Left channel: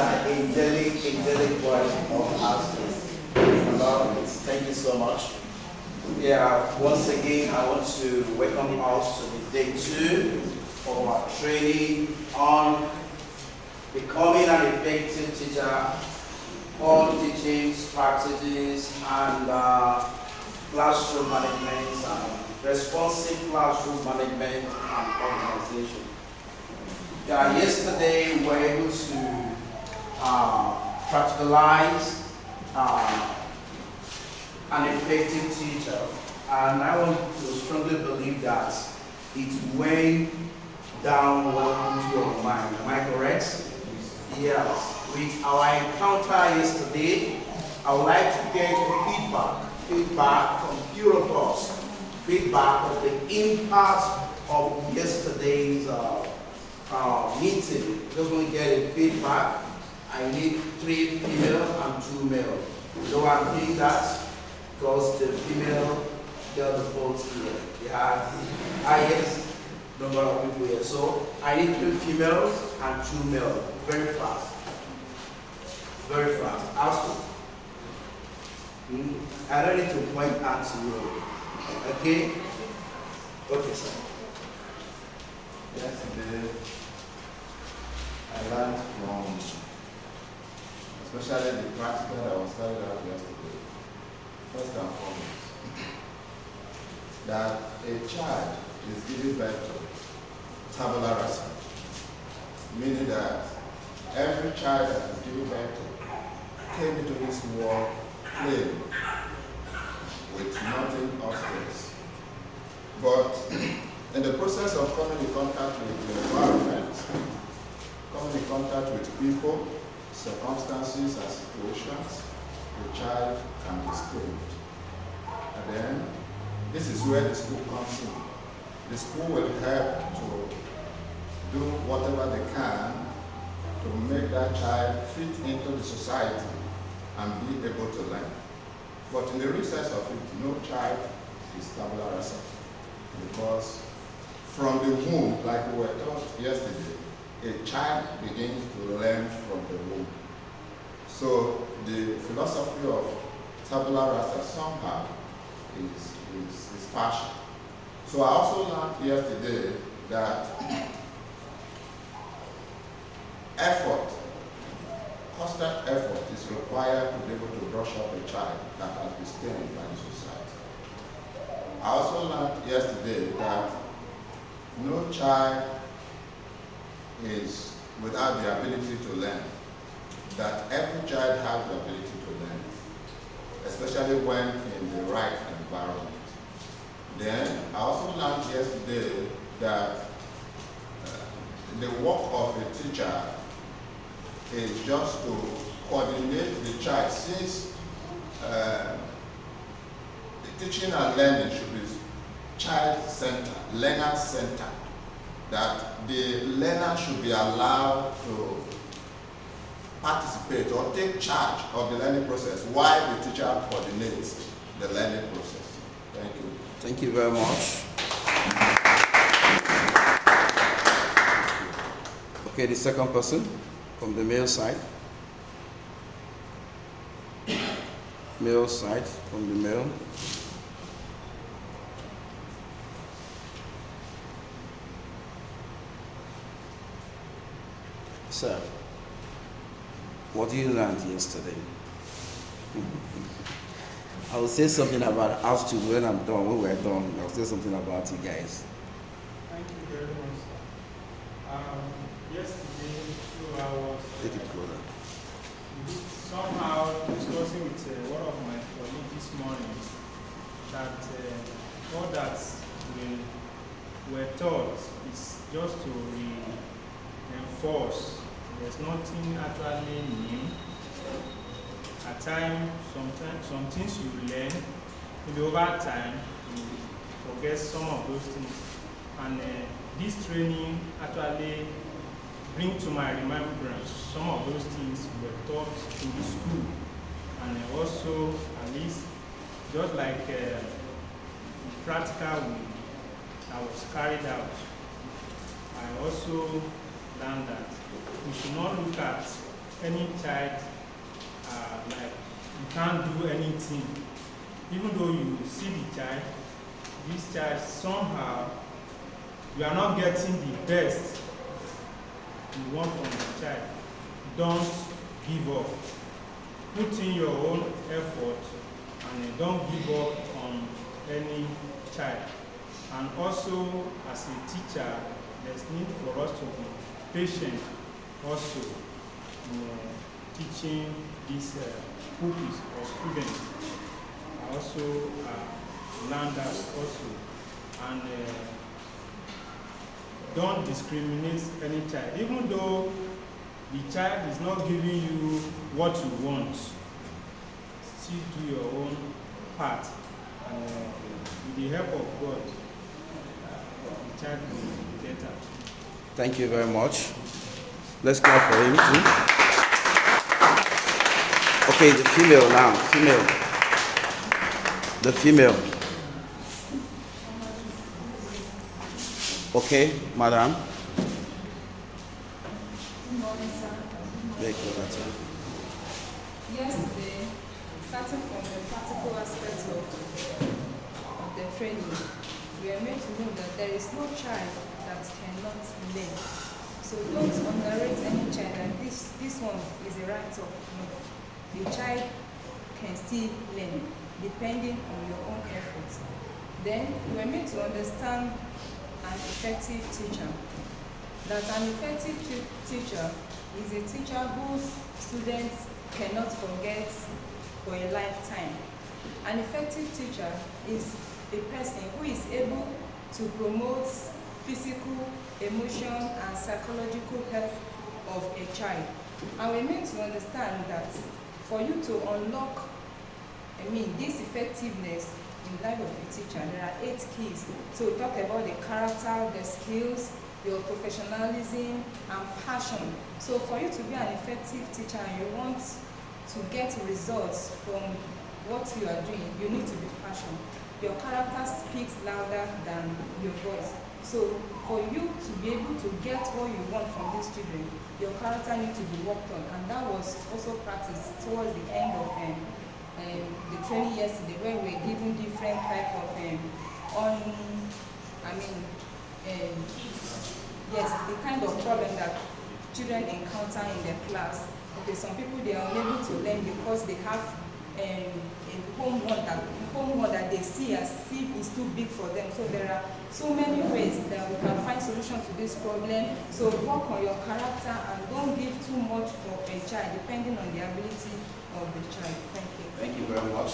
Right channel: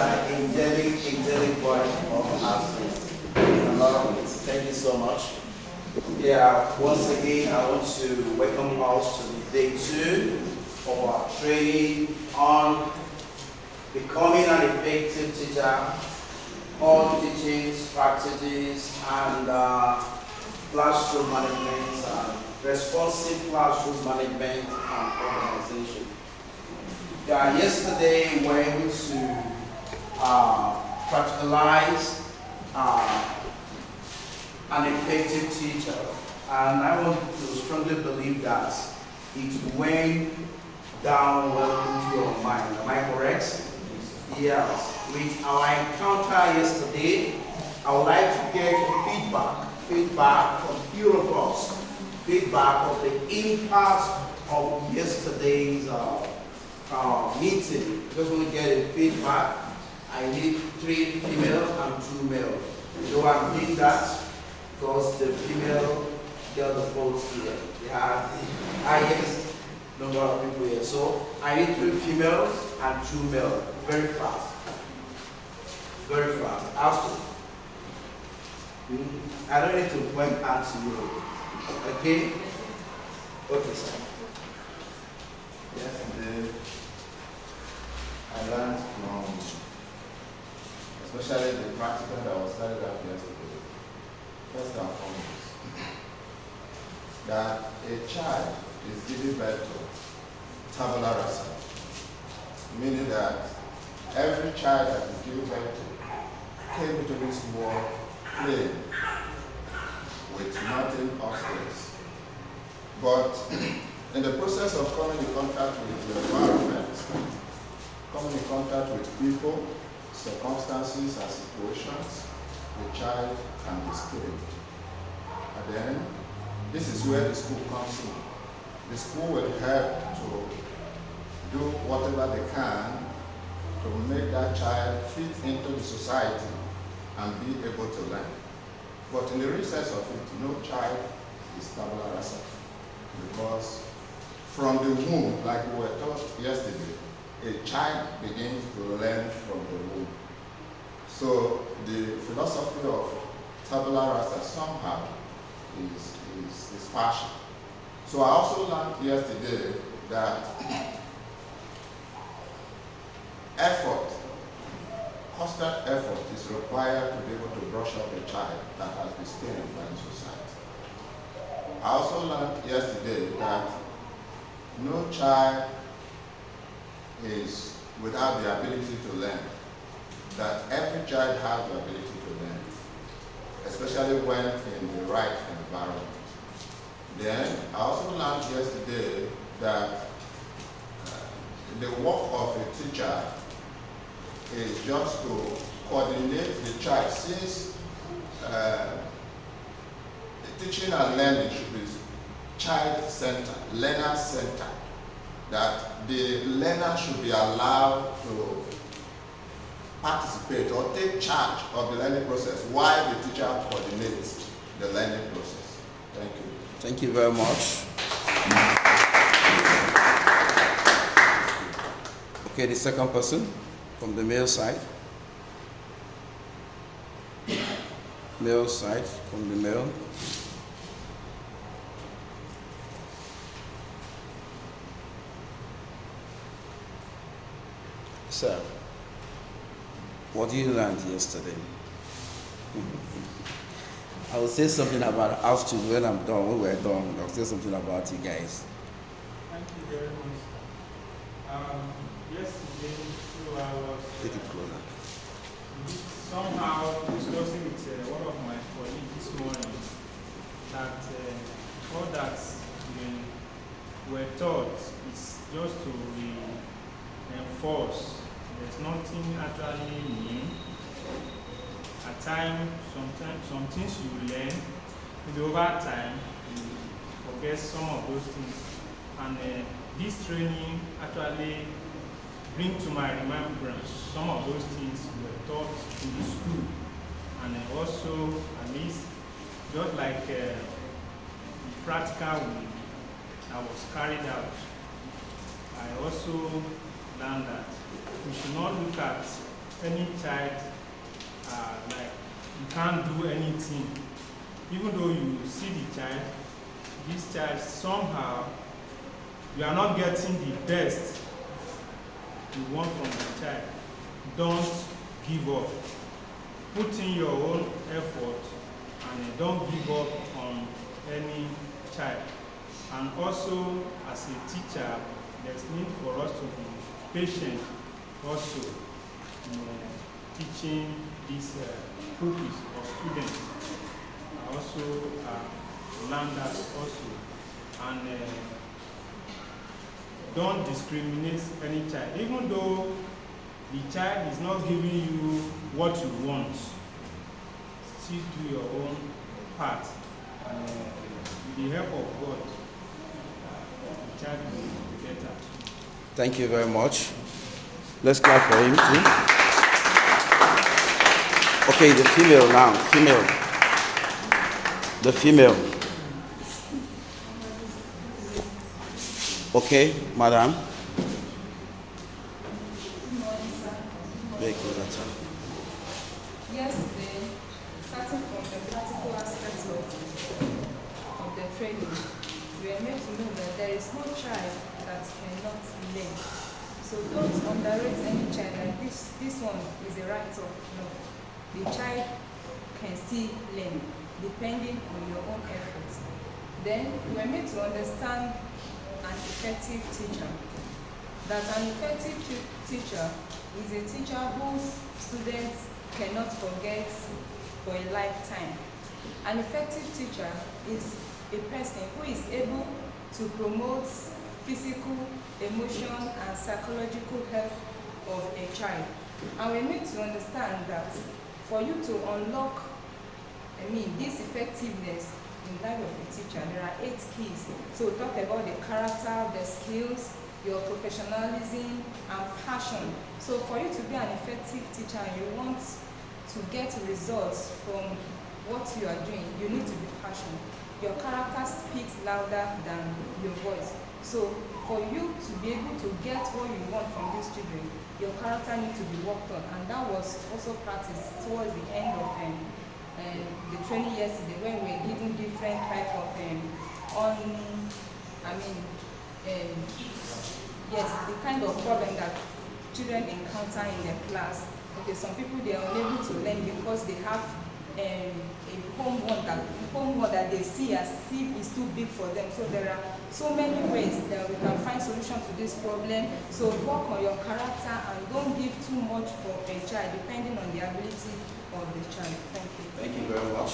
an angelic voice of Astute. I love it. Thank you so much. Yeah, once again, I want to welcome us to the day 2 of our training on becoming an effective teacher, all teaching strategies and classroom management, responsive classroom management and organization. Yesterday we were able to practicalize an effective teacher, and I want to strongly believe that it went down well into your mind. Am I correct? Yes. With our encounter yesterday, I would like to get feedback from few of us, feedback of the impact of yesterday's meeting. Just want to get a feedback. I need 3 female and 2 male. You know why I'm doing that? Because the female got the vote here. They have the highest number of people here. So I need 3 females and 2 male. Very fast. Very fast. Astute. I don't need to point out to you. Okay? Okay, sir. Yesterday, I learned from, especially the practical that was carried out yesterday, first and foremost, that a child is giving birth to tabula rasa, meaning that every child that is giving birth to came into this world plain with nothing upstairs. But in the process of coming in contact with the environment, coming in contact with people, circumstances and situations, the child can be skilled. And then, this is where the school comes in. The school will help to do whatever they can to make that child fit into the society and be able to learn. But in the recess of it, no child is tabula rasa, because from the womb, like we were taught yesterday, a child begins to learn from the womb. So the philosophy of tabula rasa somehow is partial. So I also learned yesterday that effort, constant effort is required to be able to brush up a child that has been stained by the society. I also learned yesterday that no child is without the ability to learn, that every child has the ability to learn, especially when in the right environment. Then I also learned yesterday that the work of a teacher is just to coordinate the child, since teaching and learning should be child-centered, learner-centered, that the learner should be allowed to participate or take charge of the learning process while the teacher coordinates the learning process. Thank you. Thank you very much. Okay, the second person from the male side. Male side from the male. So, what did you learn yesterday? I will say something about Astute when I'm done. When we're done, I'll say something about you guys. Thank you very much. Yesterday, I was Take it closer. somehow discussing with one of my colleagues this morning that all that we were taught is just to reinforce. There's nothing actually new. At times, sometimes, some things you learn, maybe over time, you forget some of those things. And this training actually brings to my remembrance some of those things were taught in the school. And also, at least, just like the practical way that was carried out, I also learned that we should not look at any child like you can't do anything. Even though you see the child, this child somehow you are not getting the best you want from the child. Don't give up. Put in your own effort and don't give up on any child. And also, as a teacher, there's need for us to be patient also in teaching these pupils or students. I also learned that also. And don't discriminate any child. Even though the child is not giving you what you want, still do your own part. And with the help of God, the child will be better. Thank you very much. Let's clap for him too. Okay, the female now. Female. The female. Okay, madam. Good morning, sir. Very good, sir. Yesterday, starting from the practical aspects of the training, we are made to know that there is no child that cannot learn. So don't underrate any child that this one is a write-off. No. The child can still learn, depending on your own efforts. Then we are made to understand an effective teacher. That an effective teacher is a teacher whose students cannot forget for a lifetime. An effective teacher is a person who is able to promote physical, emotional, and psychological health of a child. And we need to understand that for you to unlock, this effectiveness in the life of a teacher, there are 8 keys. So we talk about the character, the skills, your professionalism, and passion. So for you to be an effective teacher and you want to get results from what you are doing, you need to be passionate. Your character speaks louder than your voice. So for you to be able to get what you want from these children, your character needs to be worked on. And that was also practiced towards the end of the training yesterday, where we were given different type of the kind of problem that children encounter in their class. Okay, some people, they are unable to learn because they have a homework that they see as if is too big for them. So there are so many ways that we can find solution to this problem. So work on your character and don't give too much for a child, depending on the ability of the child. Thank you. Thank you very much.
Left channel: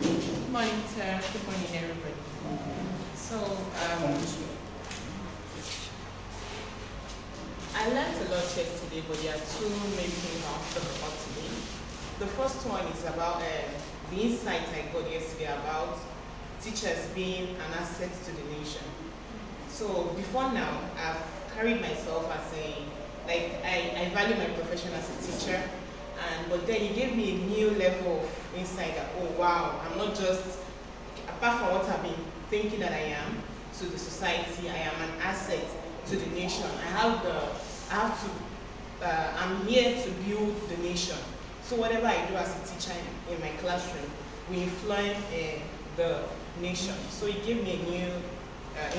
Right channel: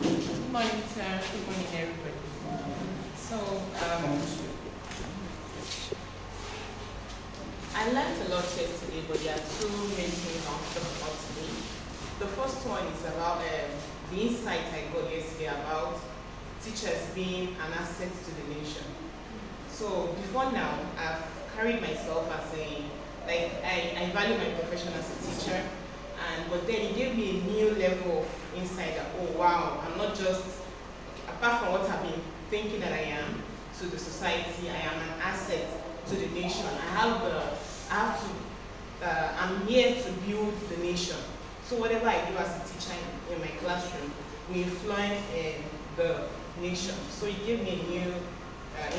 Good morning, sir. Good morning, everybody. So, I learned a lot yesterday, but there are 2 main things I want to talk about today. The first one is about the insight I got yesterday about teachers being an asset to the nation. So before now, I've carried myself as I value my profession as a teacher, but then it gave me a new level of insight that, oh wow, I'm not just, apart from what I've been thinking that I am to the society, I am an asset to the nation. I'm here to build the nation. So whatever I do as a teacher in my classroom will influence the nation. So it gave me a new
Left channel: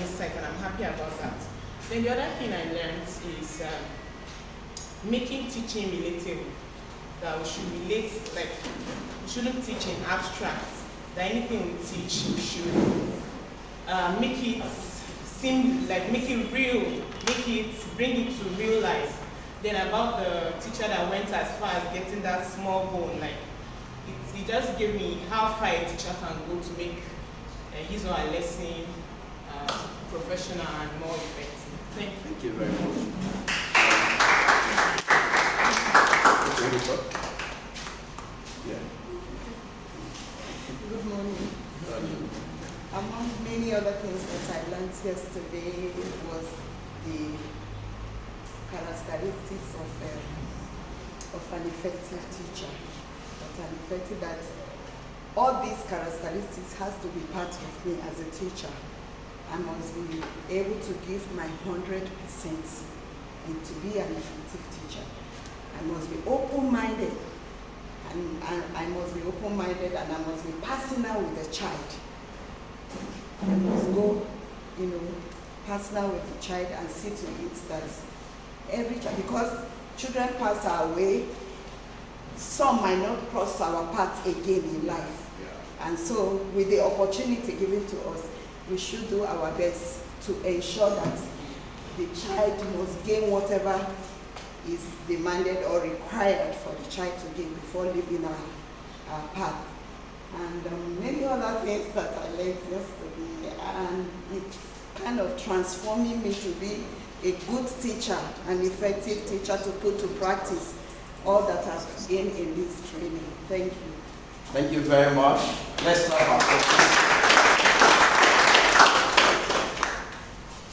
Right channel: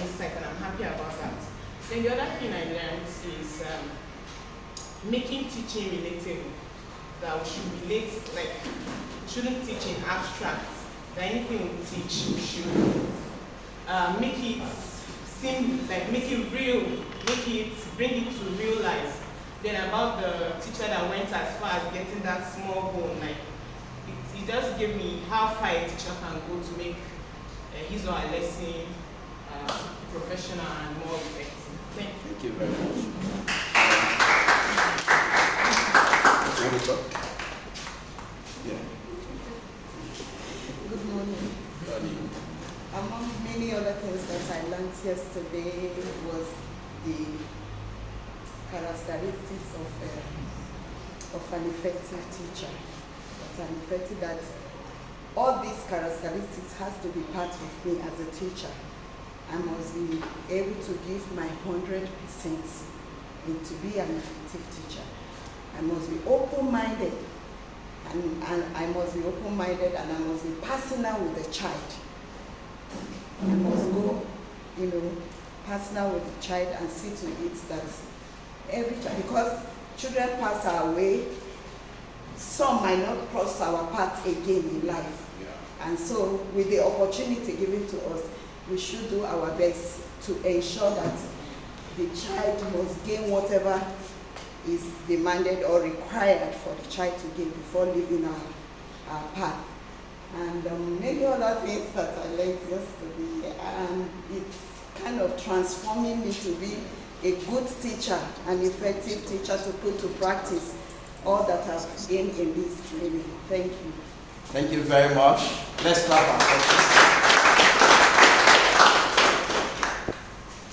insight, and I'm happy about that. Then the other thing I learned is making teaching relatable. That we should relate, we shouldn't teach in abstract. That anything we teach, we should make it seem make it real, bring it to real life. Then about the teacher that went as far as getting that small bone, it just gave me how far a teacher can go to make his or her lesson professional and more effective. Thank you very much. Yeah. Good morning. Among many other things that I learned yesterday was the characteristics of an effective teacher. That all these characteristics has to be part of me as a teacher. I must be able to give my 100% and to be an effective teacher. I must be open-minded, and I must be open-minded, and I must be personal with the child. I must go, personal with the child and see to it that every child, because children pass our way, some might not cross our path again in life. And so with the opportunity given to us, we should do our best to ensure that the child must gain whatever is demanded or required for the child to gain before leaving our path. And many other things that I learned yesterday, and it's kind of transforming me to be a good teacher, an effective teacher, to put to practice all that I've gained in this training. Thank you. Thank you very much. Let's clap our hands.